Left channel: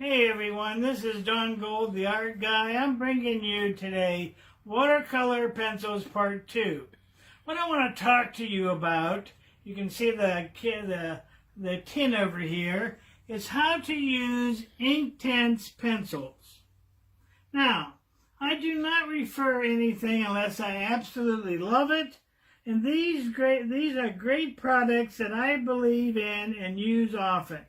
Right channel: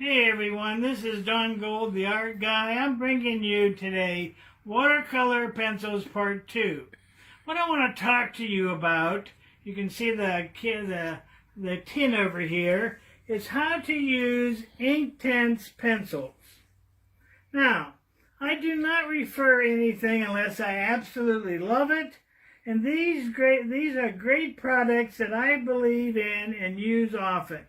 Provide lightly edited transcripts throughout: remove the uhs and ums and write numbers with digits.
Hey everyone, this is Don Gold, the art guy. I'm bringing you today Watercolor Pencils Part 2. What I want to talk to you about, you can see the tin over here, is how to use Inktense pencils. Now, I do not refer anything unless I absolutely love it, and these are great products that I believe in and use often.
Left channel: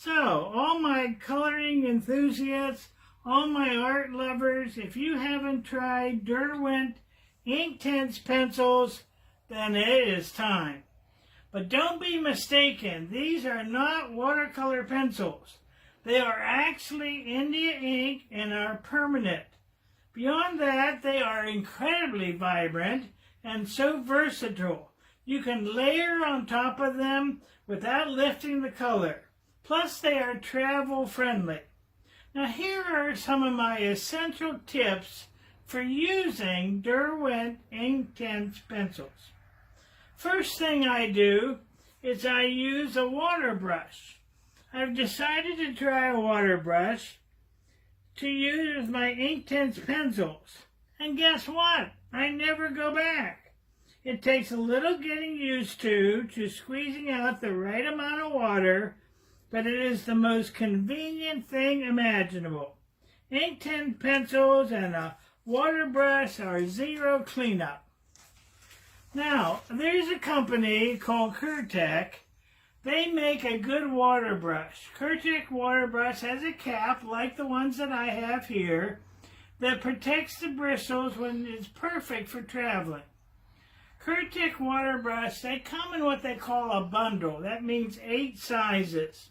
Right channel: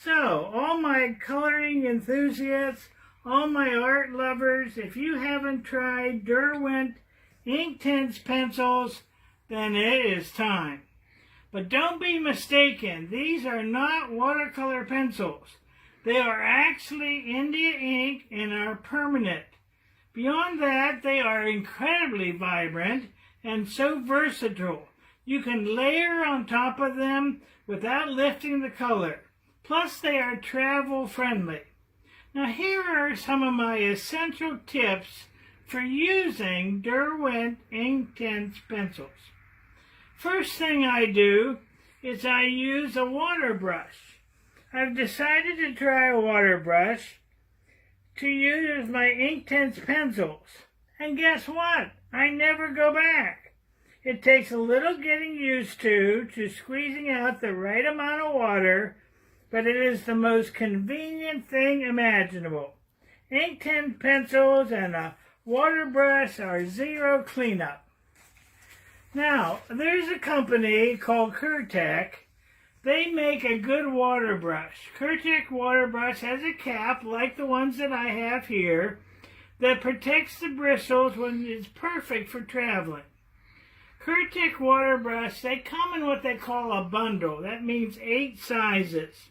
So, all my coloring enthusiasts, all my art lovers, if you haven't tried Derwent Inktense pencils, then it is time. But don't be mistaken, these are not watercolor pencils. They are actually India ink and are permanent. Beyond that, they are incredibly vibrant and so versatile. You can layer on top of them without lifting the color. Plus, they are travel friendly. Now, here are some of my essential tips for using Derwent Inktense pencils. First thing I do is I use a water brush. I've decided to try a water brush to use as my Inktense pencils. And guess what? I never go back. It takes a little getting used to squeezing out the right amount of water, but it is the most convenient thing imaginable. Inktense pencils and a water brush are zero cleanup. Now, there's a company called Kurtek. They make a good water brush. Kurtek water brush has a cap like the ones that I have here that protects the bristles when it's perfect for traveling. Kurtek water brush, they come in what they call a bundle. That means 8 sizes.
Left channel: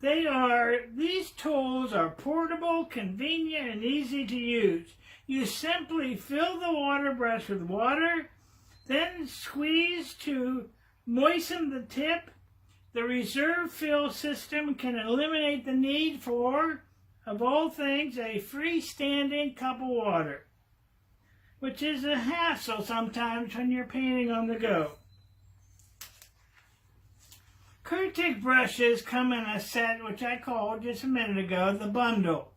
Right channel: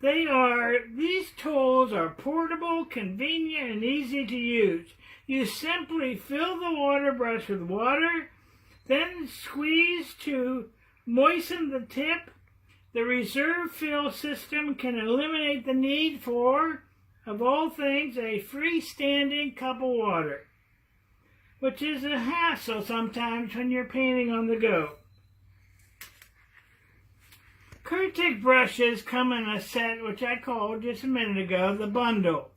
These tools are portable, convenient, and easy to use. You simply fill the water brush with water, then squeeze to moisten the tip. The reserve fill system can eliminate the need for, of all things, a freestanding cup of water, which is a hassle sometimes when you're painting on the go. Kurtek brushes come in a set which I called just a minute ago the bundle.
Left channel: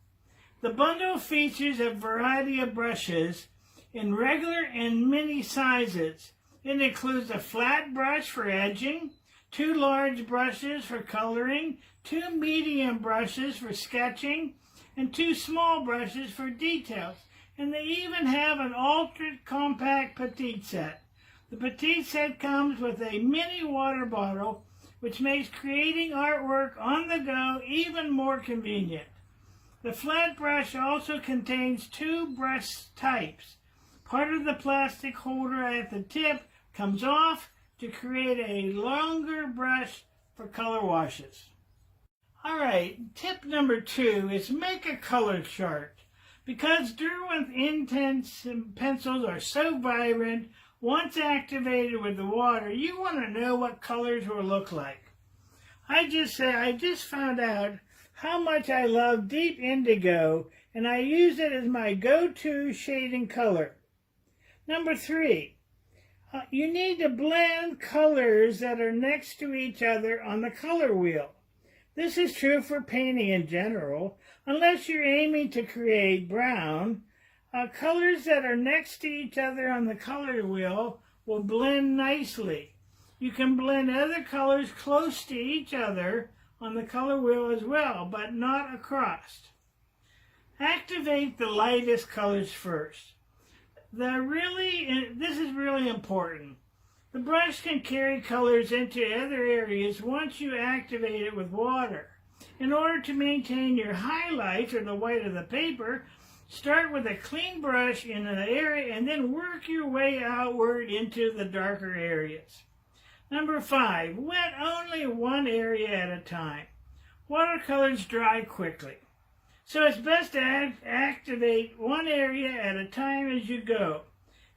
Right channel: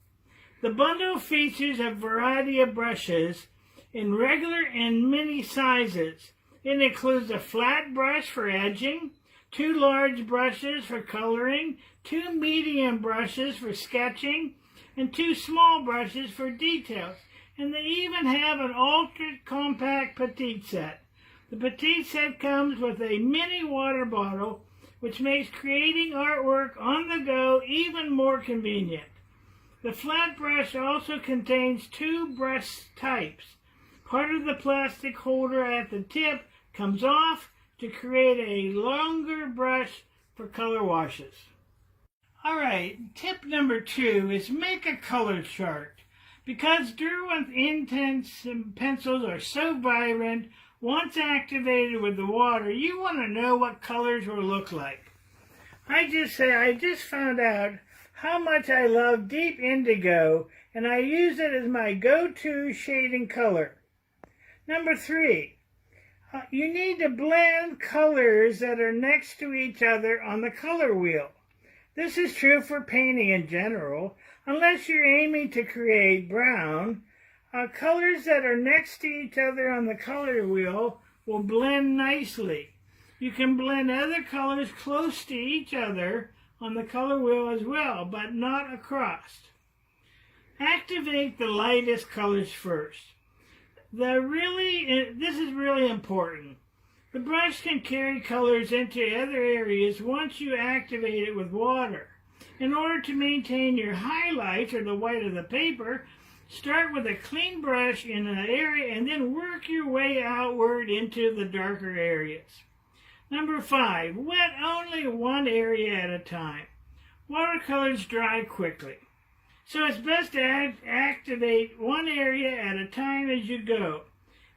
The bundle features a variety of brushes in regular and mini sizes. It includes a flat brush for edging, 2 large brushes for coloring, 2 medium brushes for sketching, and 2 small brushes for details. And they even have an ultra compact petite set. The petite set comes with a mini water bottle, which makes creating artwork on the go even more convenient. The flat brush also contains 2 brush types. Part of the plastic holder at the tip comes off to create a longer brush for color washes. Alright, tip number 2 is make a color chart. Because Derwent Inktense pencils are so vibrant, once activated with the water, you want to know what colors will look like. I just found out how much I love deep indigo, and I use it as my go-to shading color. Number 3, you need to blend colors that are next to each other on the color wheel. This is true for painting in general. Unless you're aiming to create brown, colors that are next to each other on the color wheel will blend nicely. You can blend other colors close to each other on the color wheel as well, but not across. Activate the lightest colors first. This is really important. The brush can carry colors into other areas once you activate it with water. In order to maintain your highlights or the white of the paper, start with a clean brush in an area and then work your way outward into the darker areas. Number 5, wet only one area at a time. Watercolors dry quickly, so it's best to activate one area at a time as you go.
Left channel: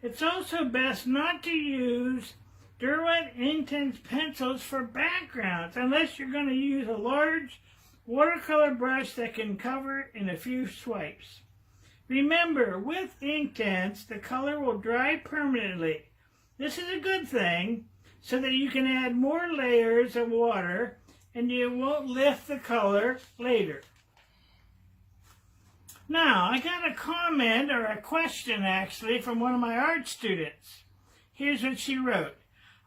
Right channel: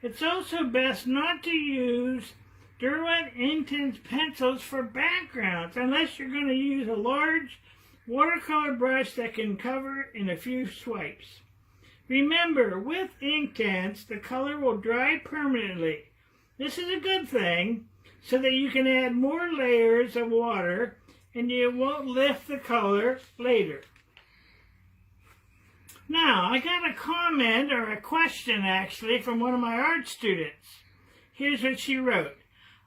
It's also best not to use Derwent Inktense pencils for backgrounds unless you're going to use a large watercolor brush that can cover in a few swipes. Remember, with Inktense, the color will dry permanently. This is a good thing so that you can add more layers of water and you won't lift the color later. Now, I got a comment, or a question actually, from one of my art students. Here's what she wrote.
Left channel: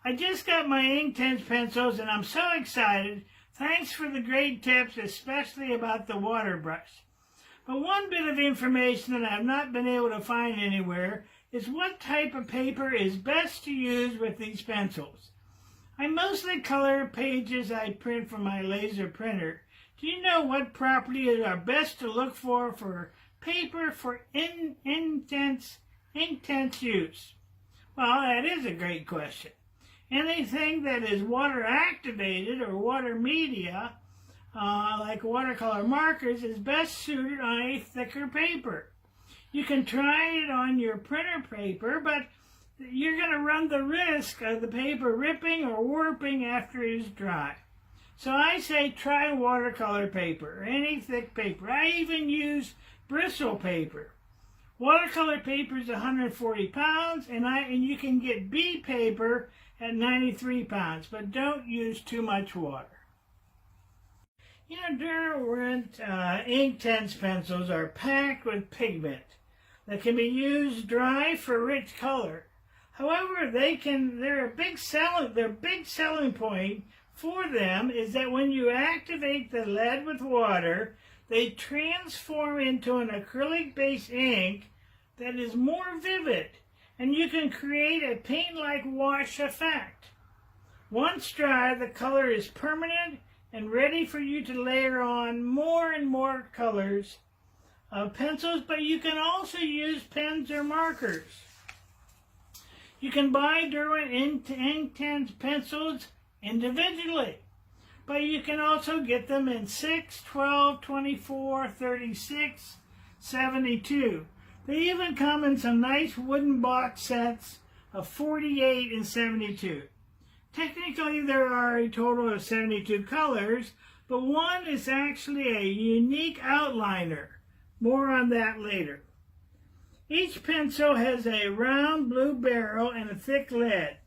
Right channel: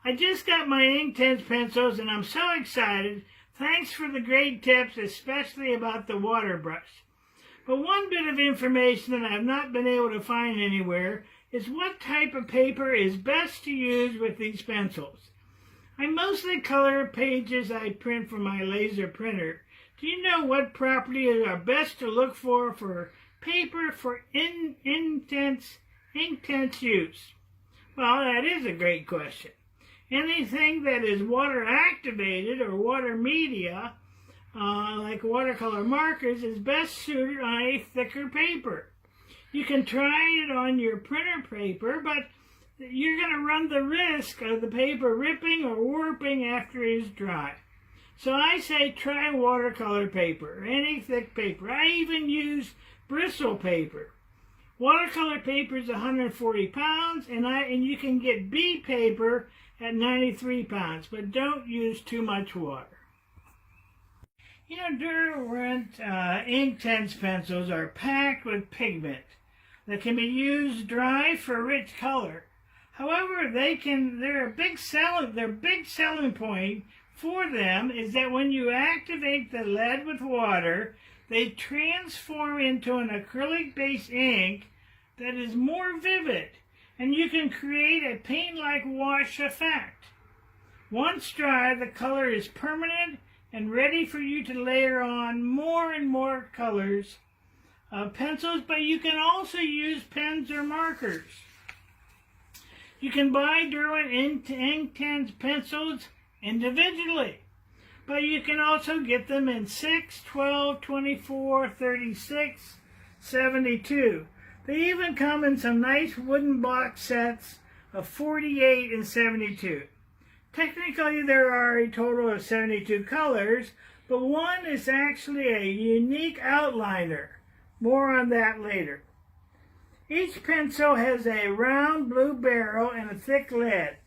I just got my Inktense pencils and I'm so excited. Thanks for the great tips, especially about the water brush. But one bit of information that I've not been able to find anywhere is what type of paper is best to use with these pencils. I mostly color pages I print from my laser printer. Do you know what properties are best to look for paper for Inktense use? Well, that is a great question. Anything that is water activated or water media, like watercolor markers, is best suited on a thicker paper. You can try it on your printer paper, but you're going to run the risk of the paper ripping or warping after it is dry. So I say try watercolor paper, or any thick paper. I even use bristle paper. Watercolor paper is 140 pounds, and you can get B paper at 93 pounds, but don't use too much water. You know, Derwent Inktense pencils are packed with pigment that can be used dry for rich color. However, their big selling point for them is that when you activate the lead with water, they transform into an acrylic-based ink that is more vivid, and you can create a paint-like wash effect. Once dry, the color is permanent and ready for you to layer on more and more colors of pencils, but you can also use pens or markers. You can buy Derwent Inktense pencils individually, but you can also get them in 6, 12, 24, 36, 72. They even come in some nice wooden box sets of 48 and 72. Technically, there are a total of 72 colors, but one is actually a unique outliner. More on that later. Each pencil has a round blue barrel and a thick lead.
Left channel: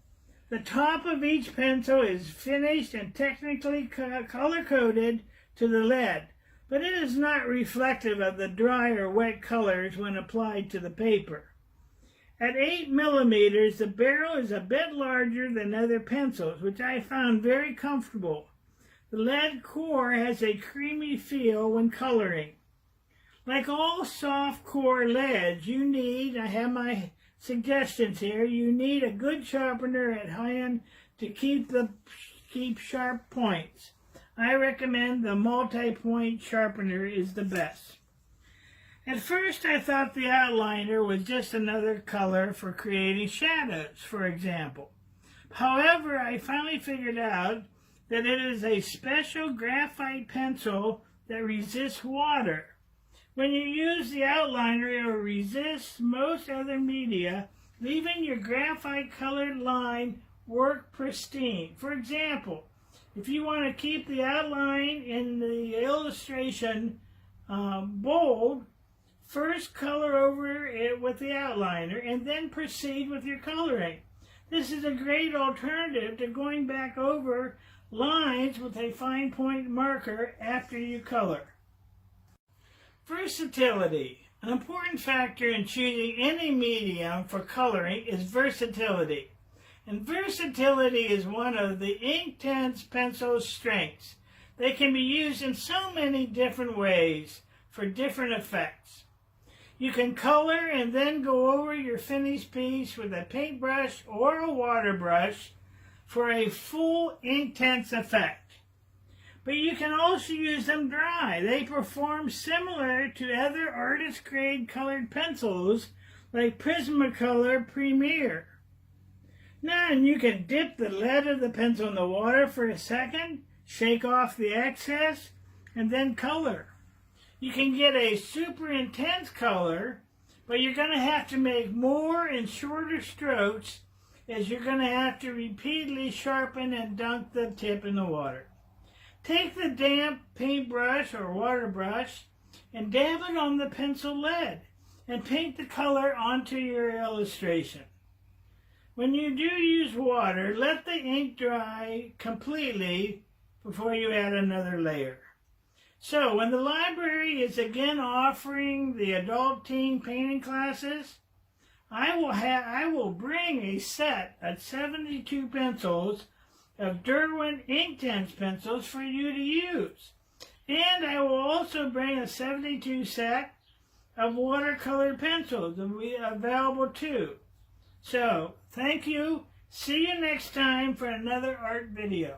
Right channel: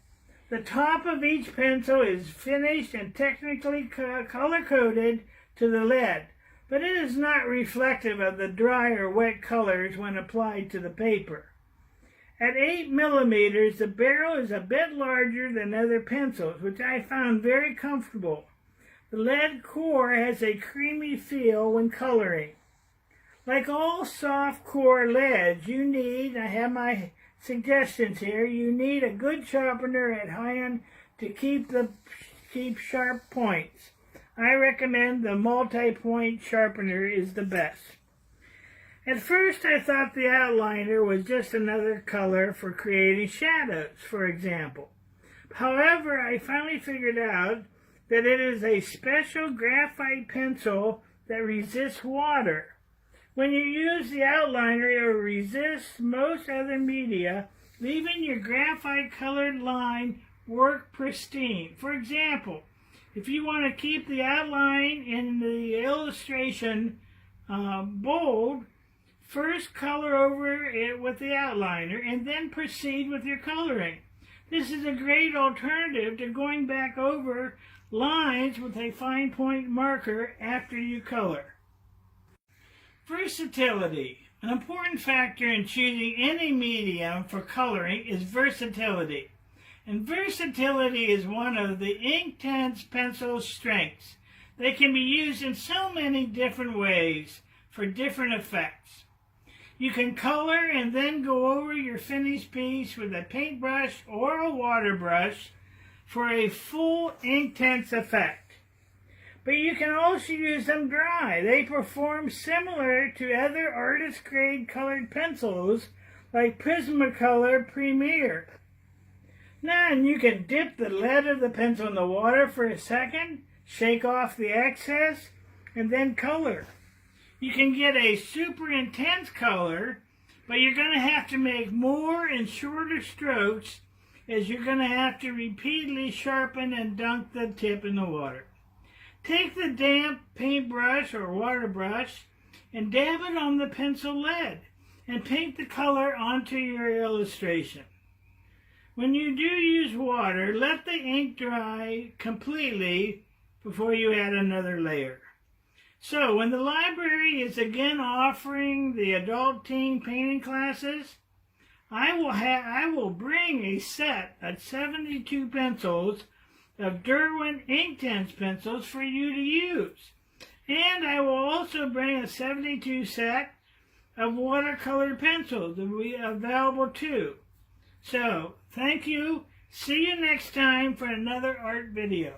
The top of each pencil is finished and technically color-coded to the lead, but it is not reflective of the dry or wet colors when applied to the paper. At 8 millimeters, the barrel is a bit larger than other pencils, which I found very comfortable. The lead core has a creamy feel when coloring. Like all soft core leads, you need, I have my suggestions here, you need a good sharpener at high end to keep sharp points. I recommend the multi-point sharpener is the best. At first I thought the outliner was just another color for creating shadows, for example. However, I finally figured out that it is a special graphite pencil that resists water. When you use the outliner, it will resist most other media, leaving your graphite colored line work pristine. For example, if you want to keep the outline in the illustration bold, first color over it with the outliner and then proceed with your coloring. This is a great alternative to going back over lines with a fine point marker after you color. Versatility. An important factor in choosing any medium for coloring is versatility. And versatility is one of the Inktense pencil's strengths. They can be used in so many different ways for different effects. You can color and then go over your finished piece with a paintbrush or a water brush for a full Inktense effect. But you can also use them dry. They perform similar to other artist-grade colored pencils like Prismacolor Premier. Now you can dip the lead of the pencil in the water for a second, shake off the excess, and then color. You can get a super intense color, but you're going to have to make more and shorter strokes as you're going to have to repeatedly sharpen and dunk the tip in the water. Take the damp paintbrush or water brush and dab it on the pencil lead and paint the color onto your illustration. When you do use water, let the ink dry completely before you add another layer. So when the library is again offering the adult teen painting classes, I will bring a set of 72 pencils of Derwent Inktense pencils for you to use. And I will also bring a 72 set of watercolor pencils that will be available too. So, thank you. See you next time for another art video.